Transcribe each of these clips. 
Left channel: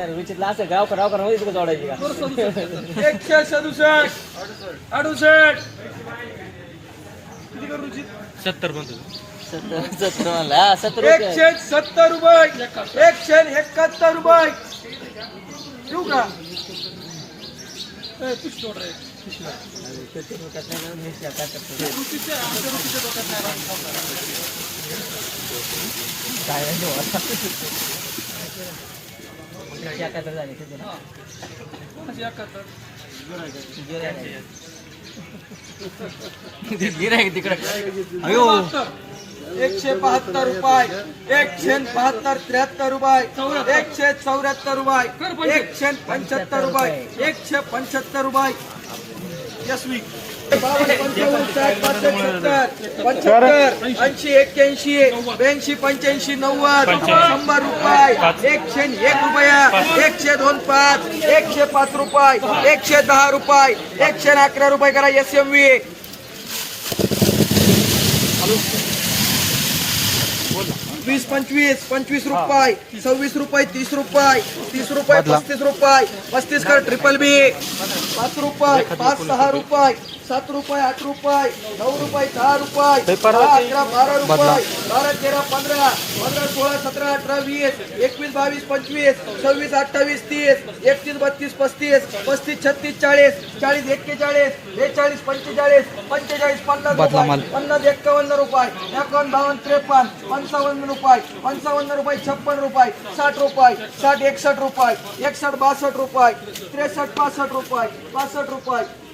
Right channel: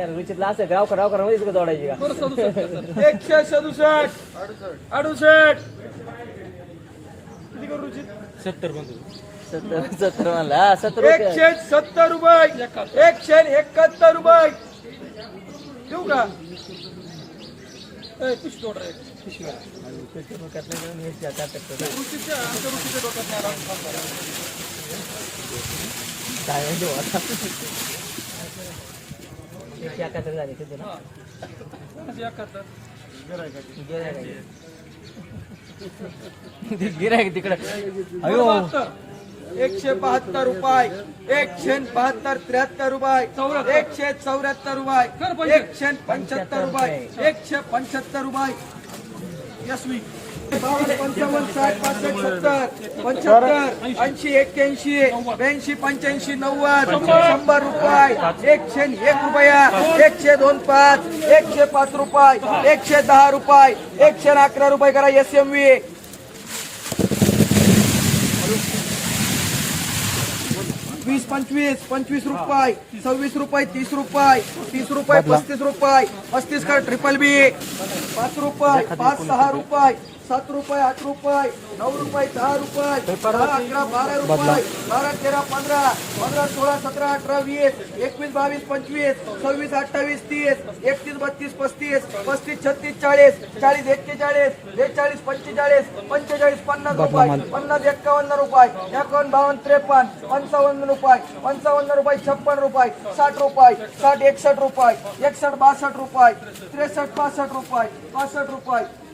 रुचितला असं गाव कराव करावं तिकडे जोडायची का? एकशे सदुसष्ट. अडुसष्ट. किती करू रुचित? सत्तर सत्तर म्हणला. हा, सत्तर रुपये. एकशे सत्तर रुपये. एकशे एकाहत्तर रुपये. देऊ का? ए, तूच तोड रे. रुचीच्या, आमच्या रुचीच्या डोक्यात नाही राहून खाऊ का? एकाहत्तर? गिरायक तिकडे बहात्तर. एकशे बहात्तर रुपये एकशे बहात्तर त्र्याहत्तर रुपये एकशे चौऱ्याहत्तर रुपये एकशे पंच्याहत्तर रुपये एकशे पंच्याहत्तर रुपये यशवी एकशे एक रुपया एकशे रुपये एकशे दहा वीस पंचवीस पंचवीस रुपये सव्वीस रुपये तीस रुपये तीस रुपये पस्तीस रुपये पस्तीस कर ट्रिपल बी पाच रुपये पाच सहा रुपये सात रुपये आठ रुपये नऊ रुपये दहा रुपये दहा, अकरा बारा रुपये बारा तेरा पंधरा पंधरा सोळा सतरा अठरा वीस एकवीस बावीस पंचवीस सव्वीस अठ्ठावीस तीस एकतीस बत्तीस पस्तीस पस्तीस छत्तीस चाळीस चाळीस एक्केचाळीस बेचाळीस पंचेचाळीस पंचेचाळीस पन्नास रुपये पन्नास एक्कावन्न रुपये एकावन्न बावन्न त्रेपन्न पंचावन्न रुपये पंचावन्न रुपये छप्पन रुपये साठ रुपये साठ एकसष्ट रुपये एकसष्ट बासष्ट रुपये त्रेसष्ट पासष्ट रुपये पासष्ट रुपये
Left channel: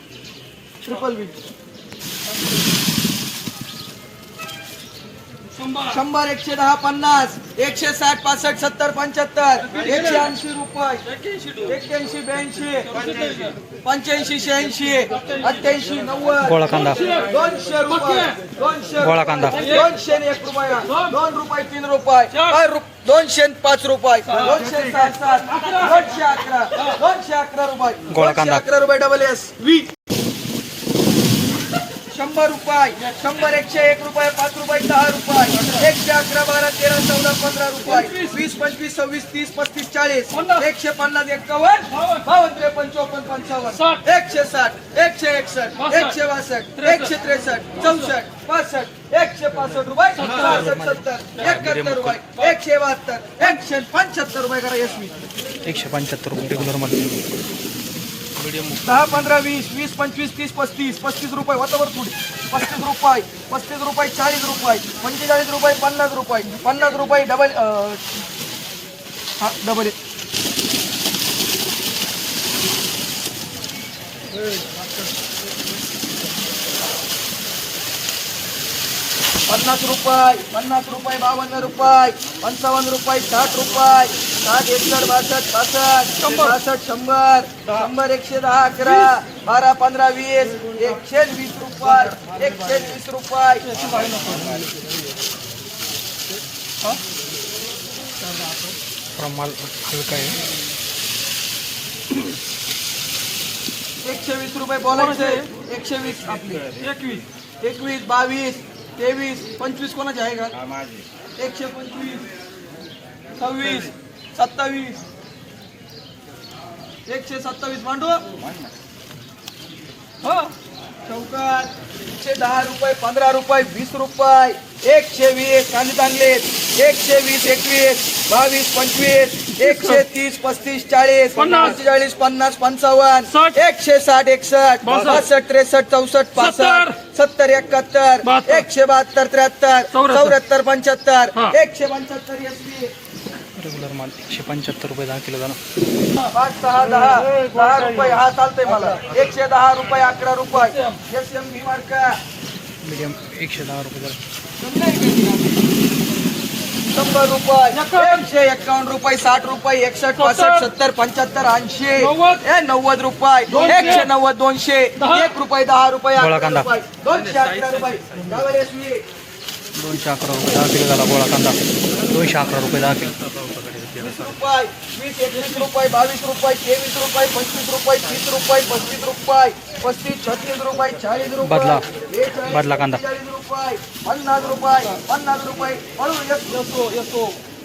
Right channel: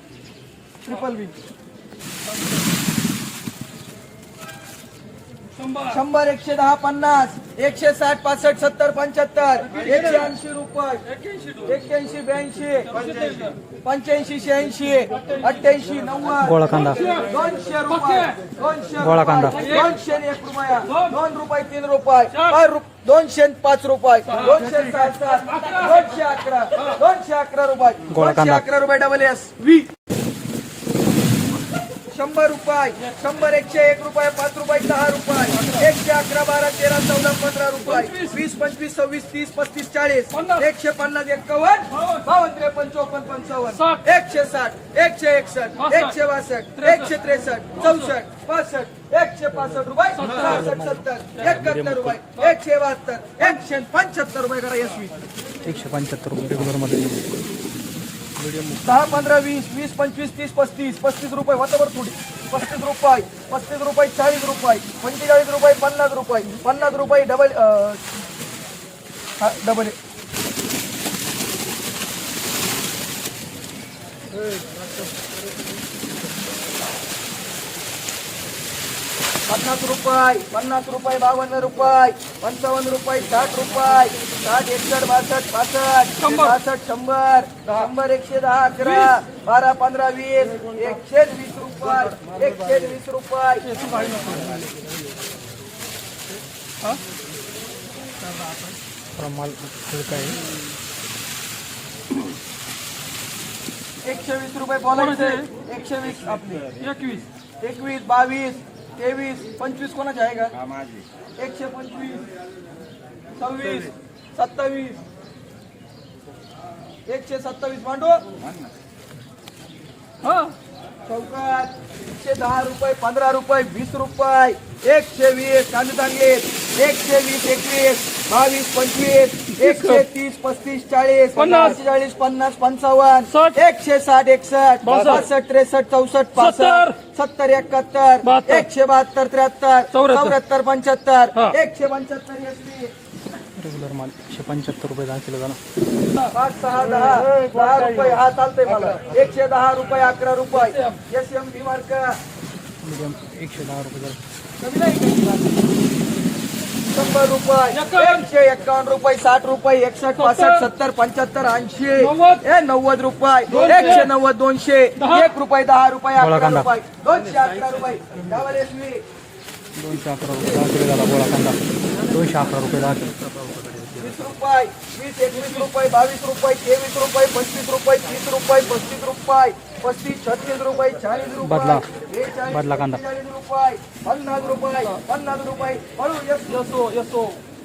ट्रिपल बी शंभर. एकशे दहा पन्नास एकशे साठ पासष्ट सत्तर पंच्याहत्तर एकशे ऐंशी रुपये. एक्क्याऐंशी ब्याऐंशी पंच्याऐंशी. शहाऐंशी अठ्ठ्याऐंशी नव्वद. गोळा कांदा. दोनशे रुपये. दोनशे गोळा कांदा. रुपये. दोनशे एक रुपया. दोन. रुपये तीन रुपये. दोनशे पाच रुपये. दोनशे सात. सात दोनशे अकरा. दोनशे अकरा रुपये. गोळा दोनशे कांदा. अकरा रुपये डबल एस वी. शंभर रुपये शंभर एकशे एक रुपये पाच रुपये दहा रुपये एकशे अकरा बारा तेरा चौदा पंधरा रुपये वीस पंचवीस सव्वीस तीस पस्तीस चाळीस एकशे पन्नास एक्कावन्न बावन्न. त्रेपन्न चोपन्न पंचावन्न एकशे साठ एकशे एकसष्ट एकशे बासष्ट एकशे त्रेसष्ट चौसष्ट पासष्ट एकशे पासष्ट रुपये सहासष्ट सत्तर एकाहत्तर रुपये एकशे बहात्तर एकशे पंच्याहत्तर रुपये करा यशवी एकशे पंच्याहत्तर रुपये रेग्युलरमध्ये दहा पंधरा वीस वीस पंचवीस तीस पस्तीस पस्तीस रुपये वतावर थोडी पस्तीस रुपये पस्तीस रुपये चाळीस रुपये पंचेचाळीस रुपये पन्नास रुपये पन्नास रुपये डबल हा, डबल पन्नास रुपये पन्नास रुपये बावन्न रुपये पंचावन्न रुपये साठ रुपये. साठ एकसष्ट बासष्ट पासष्ट बासष्ट शंभर. शंभर एकशे दहा अकरा. बारा पंधरा वीस. एकशे वीस रुपये एकशे वीस रुपये. एकशे वीस रुपये बोलायचे. एकशे वीस आपले. एकवीस. एकवीस बावीस. तेवीस पंचवीस कोणाचे आहे का? एकशे पंचवीस सव्वीस सत्तावीस. एकशे सत्तावीस मांडू? हो. चौकात एकशे दहा रुपये पंधरा रुपये वीस रुपये एकशे वीस कांदे चांगले. एकशे वीस एकवीस बावीस पंचवीस. एकशे तीस पस्तीस चाळीस पंचेचाळीस पन्नास पंचावन्न. एकशे साठ एकसष्ट. बासष्ट. त्रेसष्ट चौसष्ट पासष्ट. सत्तर. एकाहत्तर. एकशे बहात्तर त्र्याहत्तर. चौऱ्याहत्तर. पंच्याहत्तर. एकशे पंच्याहत्तर रेग्युलर माल एकशे पंच्याहत्तर रुपये दहा किलो जाणार पाच सहा दहा. दहा रुपये. हा चालतंय मला. एकशे दहा रुपये अकरा रुपये. एस एम बी मार्का मीडियम एकशे दहा रुपये जरा शंभर रुपये. एकशे एक्कावन्न रुपये साठ रुपये एकसष्ट पासष्ट सत्तर. पंच्याहत्तर ऐंशी. ए नव्वद रुपये. एकशे नव्वद दोनशे. एक रुपये दहा रुपये अकरा. रुपये. दोनशे अकरा रुपये. दोनशे अकरा रुपये दहा किलो झाला गोळा कांदा दोनशे अकरा रुपये दहा किलो रुपये बावीस रुपये तेवीस रुपये पंचवीस रुपये तीस रुपये पस्तीस रुपये पस्तीस छत्तीस रुपये चाळीस रुपये बदला. बदला कांदा. पन्नास रुपये पन्नास रुपये हळू येसो येसो